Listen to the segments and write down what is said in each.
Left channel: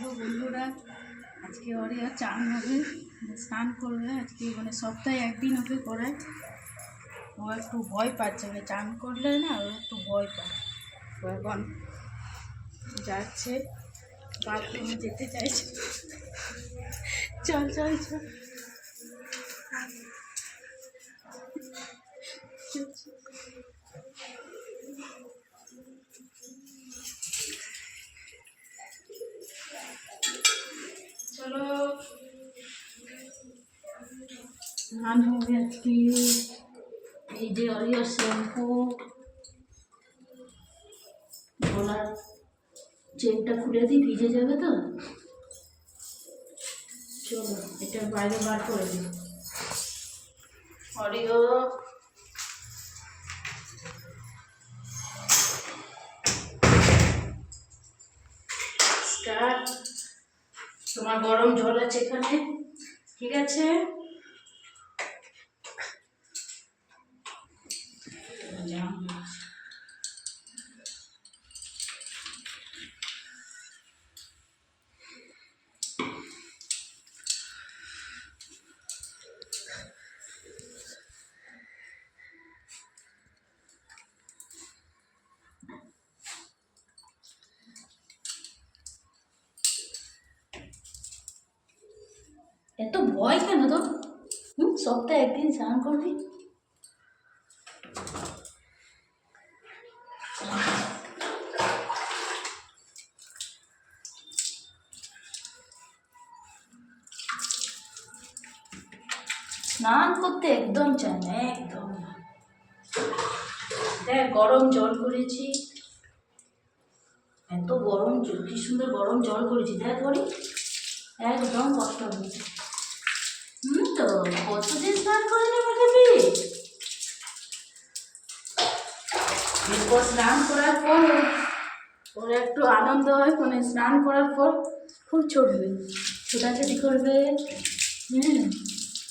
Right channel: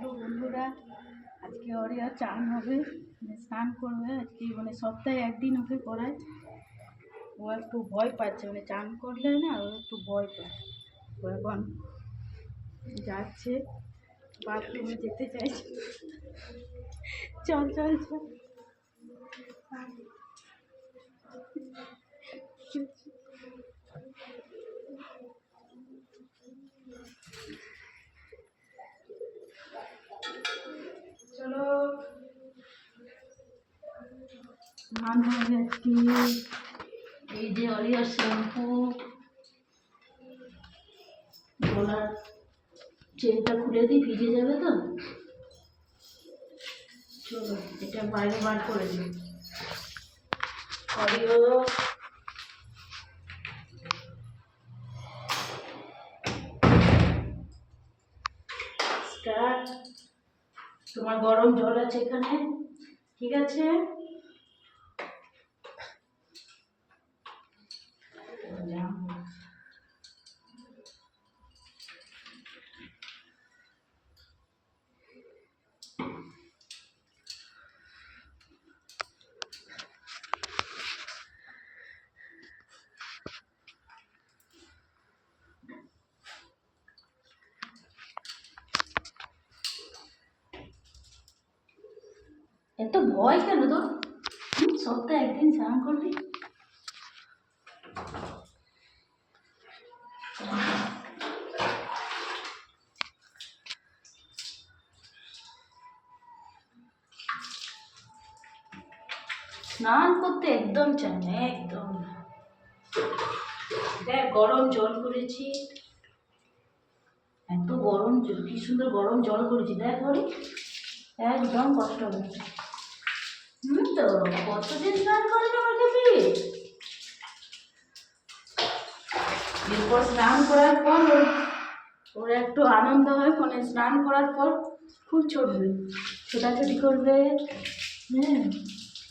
Hello বন্ধুরা, আজকে Aria চান হবে, স্নান করবে আজকে, সপ্তাহে একদিন ওকে করায়। ও একটু ভয় পাচ্ছে, চান করলে না ও একটু ভয় পায়। ও এখন যাচ্ছে, বাথরুমে যেতে চাইছে। চল চল চল। চলো স্নান হবে আজকে। এই যে অরিয়ার শ্যাম্পু, গলার চেনটা খুলে দিই, ভিজে যাবে তো। চলো এটা বাইরে বার করে দিই। Oreo start. তোমার গরম জল আছে এখানে, ঠিক আছে? এত ভয় কেন তোর? সপ্তাহে একদিন স্নান করবি। স্নান করতে একদম চায় না, একদম না। দেখ গরম জল করেছি, এত গরম জল, কি সুন্দর গরম জল করেছি, দেখ করি একদম কষ্ট হবে। তো কতদিন স্নান করে নেওয়া যাবে। এরপর স্নান করার পর ওর একটু আনন্দ হয়, স্নান করার পর খুব চড়বে, ছোটাছুটি করবে।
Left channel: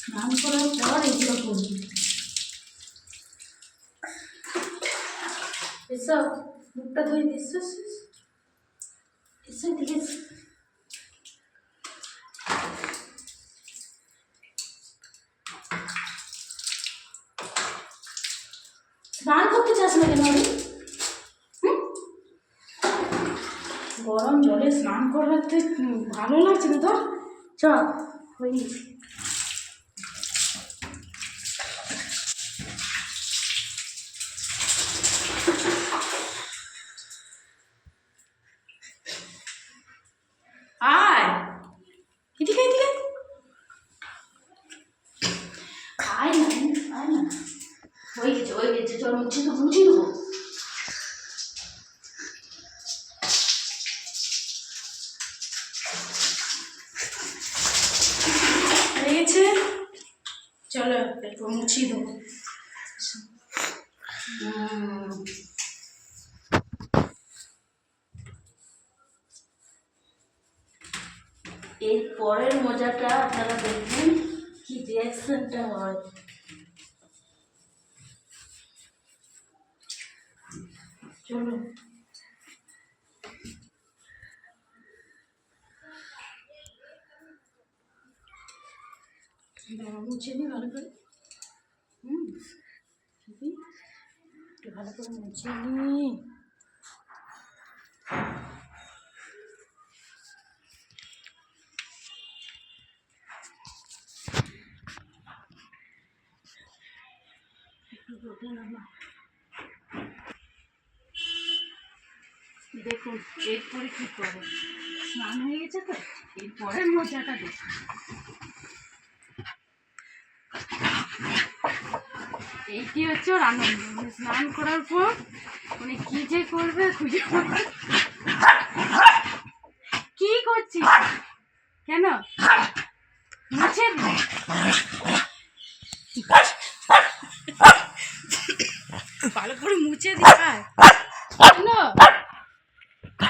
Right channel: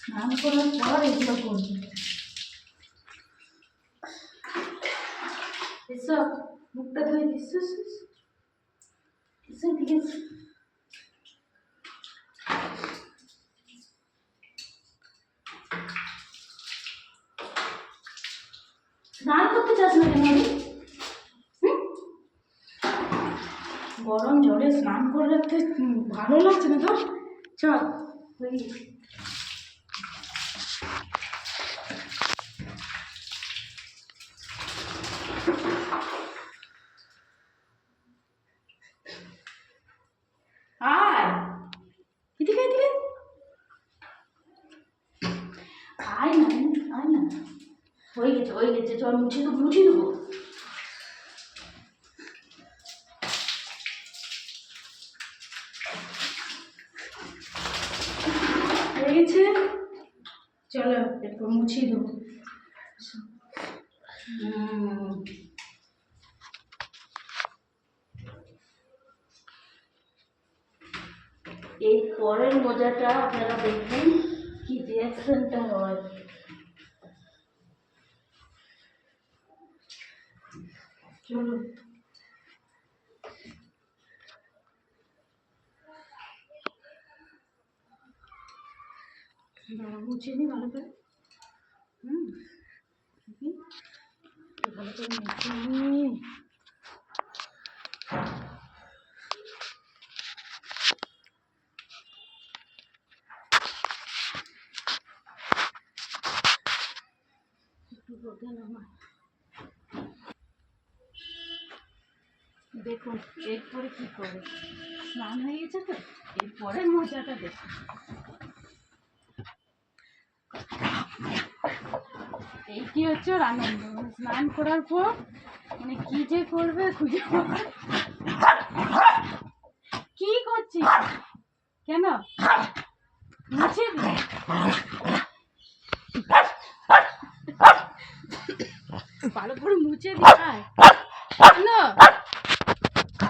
স্নান করার পর এগুলো করবে। এসব মুখটা ধুয়ে দিস, এসব দিকে স্নান করতে চাস না কেন? গরম জলে স্নান করতে ভালো লাগছে না তো? চল ওই আয়, এদিকে এদিকে আয় না, আয় না। হয়ে গেছে, চল মুছে দেবো। হয়ে গেছে, চলো একটু মুছিয়ে দেবো। এর পরের মজাটা আপনারা দেখবেন, কি রিয়াকশনটা হয়। চলো মুছে নি ভালো করে। ভালো করে মুছে নি। দেখুন এরপরে কি করে, স্নান হয়ে গেছে তো, এরপরের মজাটা দেখুন। এইটি হচ্ছে ওর আনন্দ, স্নান করার পর কি যে করবে খুঁজে। কি করছিস কেন? মুছে দে, ভালো করে মুছে দি। কেন?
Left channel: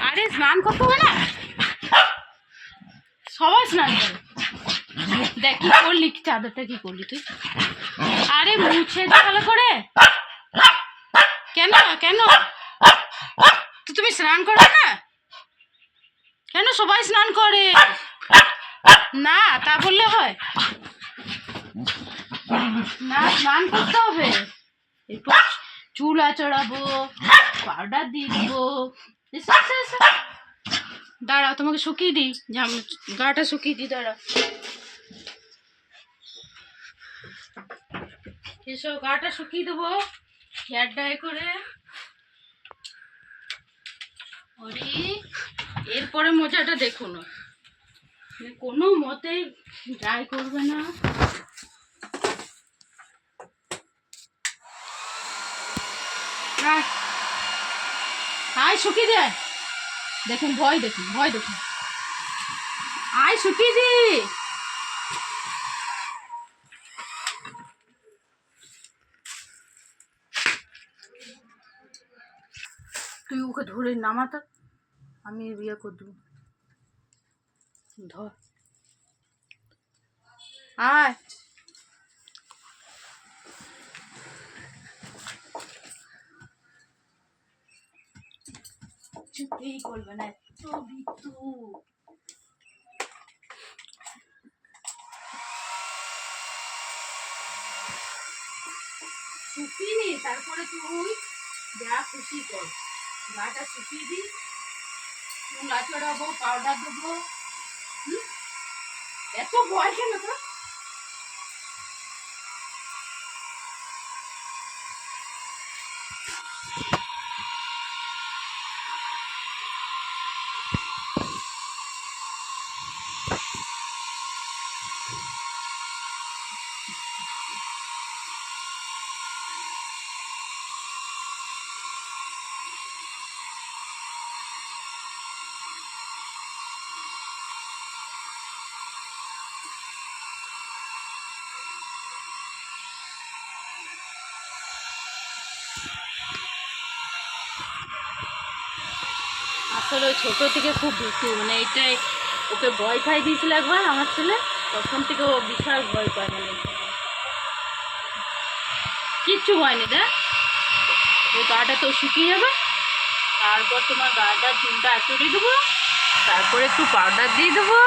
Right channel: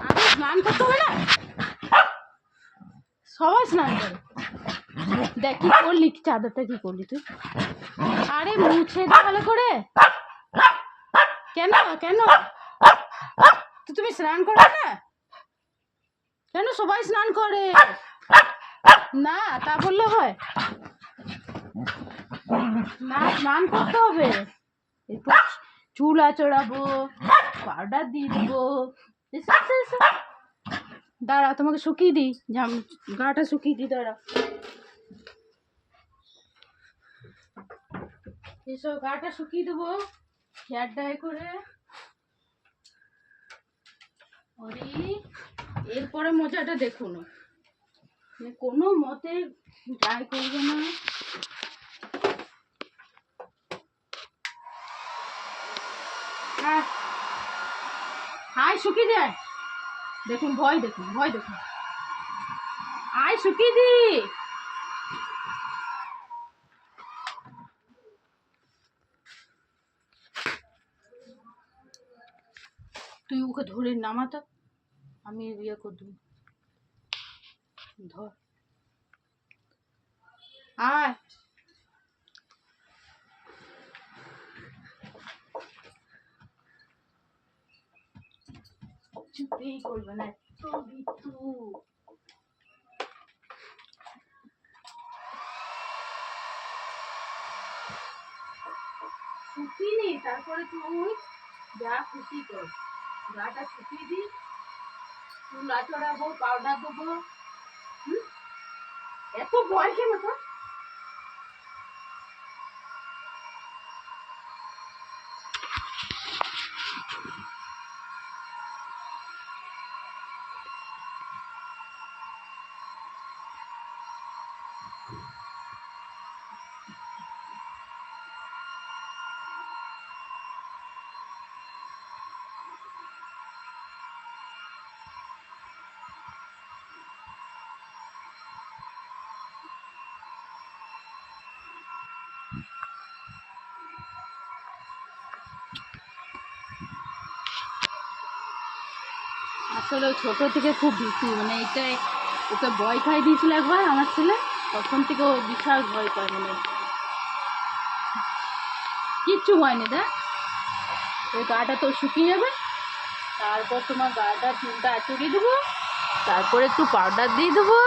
আরে স্নান করতে হবে না, সবাই স্নান করে। দেখ কি করলি, চাদরটা কি করলি তুই? আরে মুছে দে ভালো করে। কেন কেন তুমি স্নান করবে না? কেন সবাই স্নান করে না, তা বললে হয় না, স্নান করতে হবে। এরপর চুল আঁচড়াবো, পাউডার দিয়ে দেবো। এসো এসো এসো, দাঁড়াও তোমাকে শুকিয়ে দিই, গাটা শুকিয়ে দিই, দাঁড়াও। এসো, গাটা শুকিয়ে দেবো হেয়ার ড্রাই করে। ওরে, এরপরে মজাটা দেখুন, কোনো মতে ড্রাই করবে না। আয় শুকিয়ে দেয়, দেখুন ভয়, দেখুন ভয়, দেখুন আয় শুকিয়ে দি। তুই ওকে ধরে নামাতা, আমি ইয়ে করে দেবো, ধর আয়। চুপেই করবে না, এত বিতু। শুকিয়ে নি, তারপরে তুই যা খুশি কর, গাটা শুকিয়ে দি, চুল আঁচড়াবো, পাউডার দেবো। এত ভয় কেন তো? আসলে ওই ছোটো থেকে খুব ভীতু, মানে এটাই ওকে ভয় খাই দিয়েছিল একবার আমার ছেলে, তখন থেকে ও বিশাল ভয় পায়, মানে কিচ্ছু হয়নি। দেখ ও গাটা তো শুকিয়ে যাবে, তারপর তোমার গাটা চুলটা আঁচড়িয়ে দেবো, তারপরে একটু পাউডার দিয়ে দেবো,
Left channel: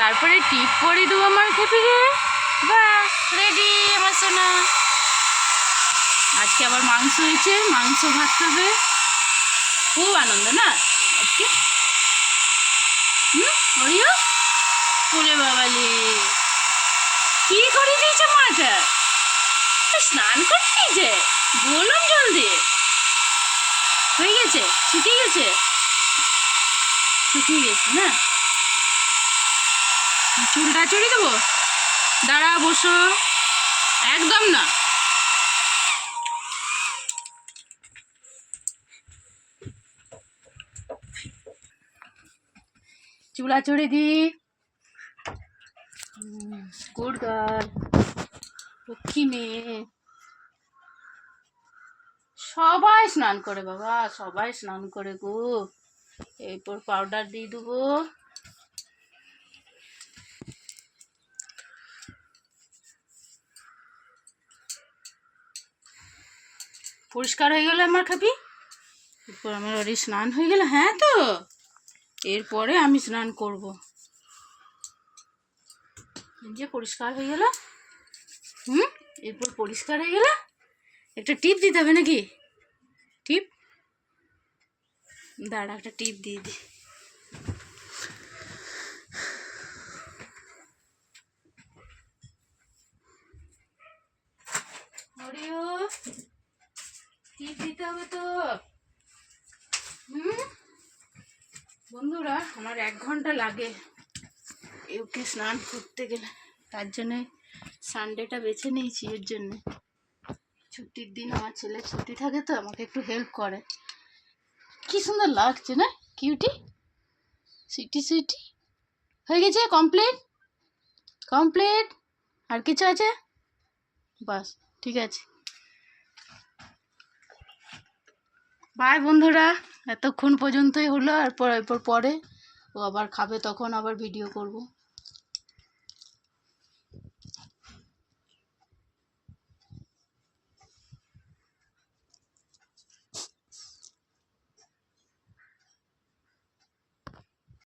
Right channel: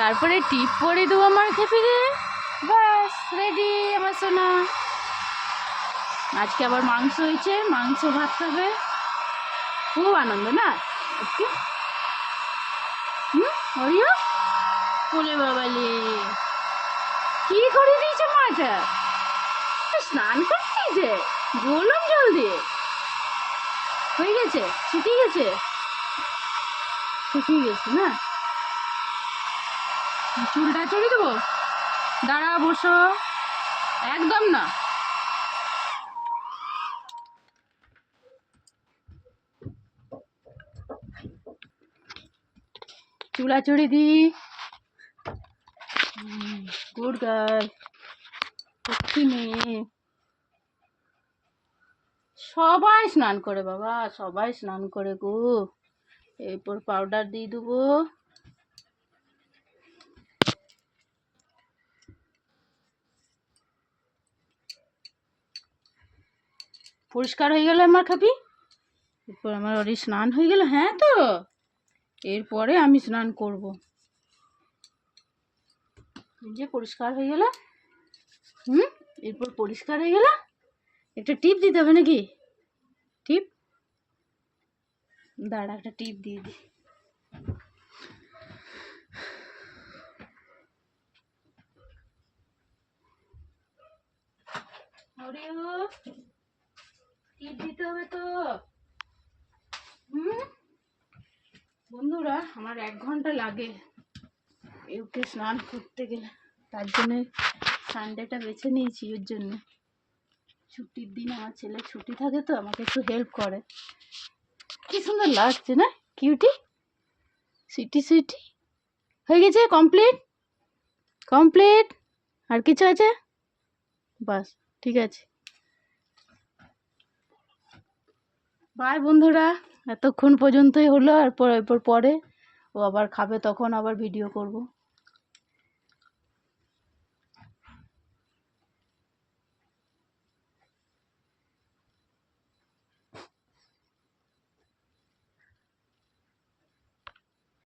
তারপরে টিপ পরিয়ে দেবো আমার খেপিকে, ব্যাস রেডি আমার সোনা। আজকে আবার মাংস হয়েছে, মাংস ভাত খাবে, খুব আনন্দ না আজকে। হরিও ওরে বাবালে, কি করে দিয়েছে মাটা, স্নান করে দিয়েছে গরম জল দিয়ে, হয়ে গেছে, শুকিয়ে গেছে, শুকিয়ে গেছে না। চুলটা চড়িয়ে দেবো, দাঁড়া বসো, একদম না। চুলা চড়ি দি, গুড গার্ল, লক্ষ্মী মেয়ে। সবাই স্নান করে বাবা, সবাই স্নান করে গো। এরপর পাউডার দিয়ে দেবো, পরিষ্কার হয়ে গেল আমার খাবি। এরপর আমার ওরই স্নান হয়ে গেল, হ্যাঁ তো এরপরে আমি স্নান করব। যে পরিষ্কার হয়ে গেল, এরপর পরিষ্কার হয়ে গেল, একটা টিপ দিতে হবে নাকি, টিপ দাঁড়া, একটা টিপ দিয়ে দি। টিপ দিতে হবে তো। বন্ধুরা, আমার 1 ঘন্টা লাগে ওকে স্নান করতে গেলে, তার জন্যে সানডেটা বেছে নিয়েছি। এর জন্য ছুটির দিন আমার ছেলে ছুটি থাকে, তো আমাকে একটু হেল্প করে। কি সুন্দর লাগছে না, কিউটি সুইটি সুইটি। হয়ে গেছে, কমপ্লিট কমপ্লিট, আর কিছু আছে? বাস, ঠিক আছে, বাই বন্ধুরা। এতক্ষণ পর্যন্তই হলো, এরপর পরে ও আবার খাবে, তখন আবার ভিডিও করব।